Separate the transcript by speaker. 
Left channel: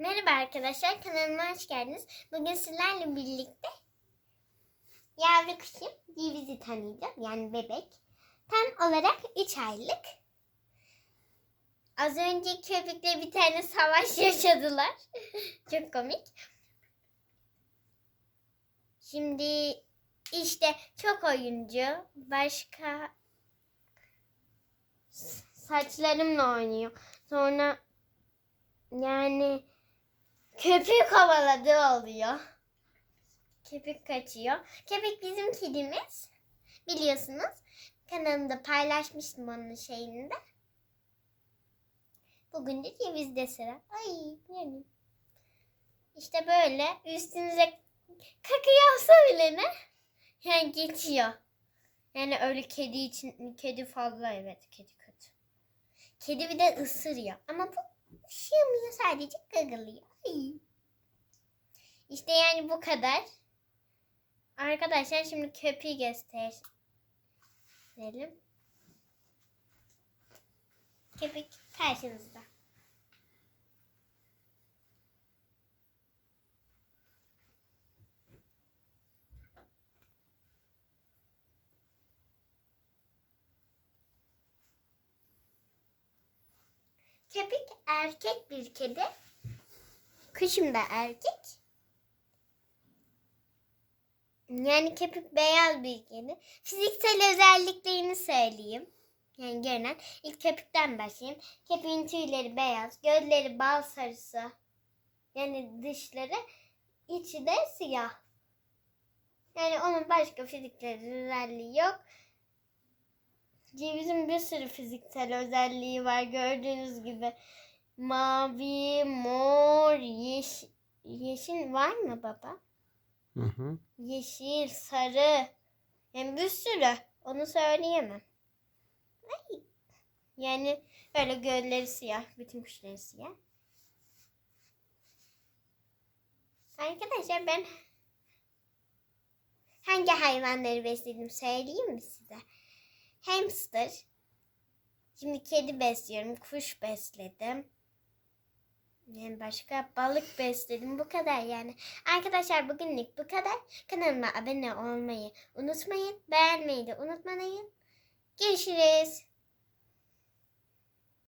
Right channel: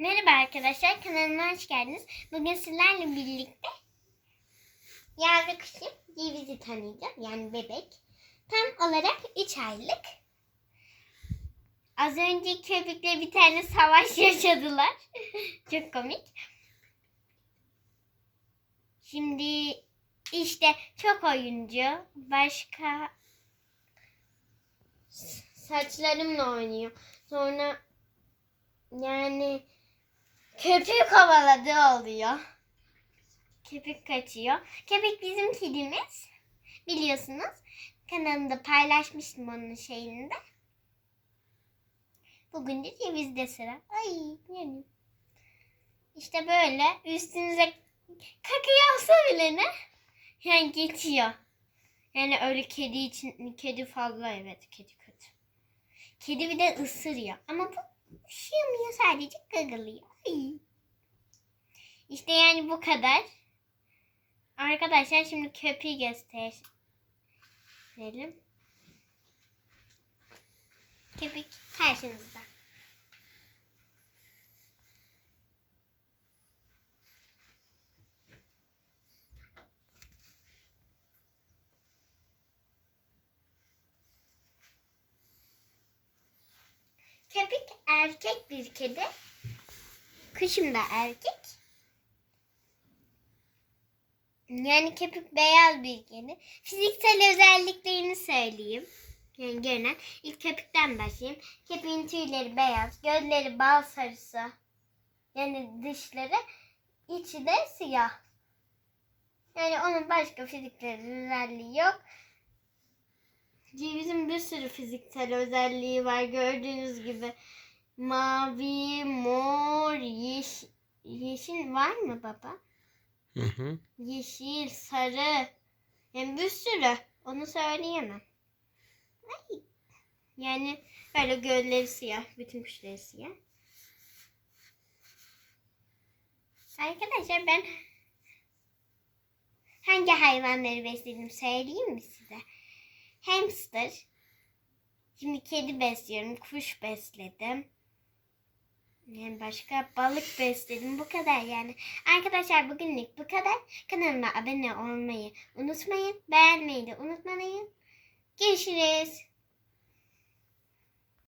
Speaker 1: Merhaba arkadaşlar, kanalıma hoş geldiniz. Bugün sizlerle birlikte yavru kuşum Ceviz'i tanıyacağım. Yani bebek. Tam olarak 3 aylık. Az önce köpekle bir tane savaş yaşadılar. Çok komik. Şimdi işte çok oyuncu. Başka saçlarımla oynuyor. Sonra yani köpük kovaladığı oluyor. Köpük kaçıyor. Köpek bizim kedimiz. Biliyorsunuz. Kanalımda paylaşmıştım onun şeyini de. Bugün de cevizde sıra. Ay yani. İşte böyle üstünüze kaka yapsa bile ne? Yani geçiyor. Yani öyle kedi için kedi fazla evet kedi kötü. Kedi bir de ısırıyor. Ama bu ışımıyor sadece gagalıyor. İşte yani bu kadar. Arkadaşlar şimdi köpeği gösterelim. Köpek karşınızda. Köpek erkek bir kedi. Kışım da erkek. Yani köpek beyaz kedi. Fiziksel özelliklerini söyleyeyim. Yani görünen. İlk köpükten başlayayım. Köpeğin tüyleri beyaz. Gözleri bal sarısı. Yani dışları. içi de siyah. Yani onun başka fiziksel özelliği yok. Cevizin bir sürü fiziksel özelliği var gördüğünüz gibi. Mavi, mor, yeşil, yeşil var mı baba?
Speaker 2: Hı hı.
Speaker 1: Yeşil, sarı. Yani bir sürü. Onu söyleyemem. Ay. Yani böyle gölleri siyah. Bütün kuşları siyah. Arkadaşlar ben hangi hayvanları besledim söyleyeyim mi size? Hamster. Şimdi kedi besliyorum. Kuş besledim. Yani başka balık besledim. Bu kadar yani. Arkadaşlar bugünlük bu kadar. Kanalıma abone olmayı unutmayın. Beğenmeyi de unutmayın. Görüşürüz.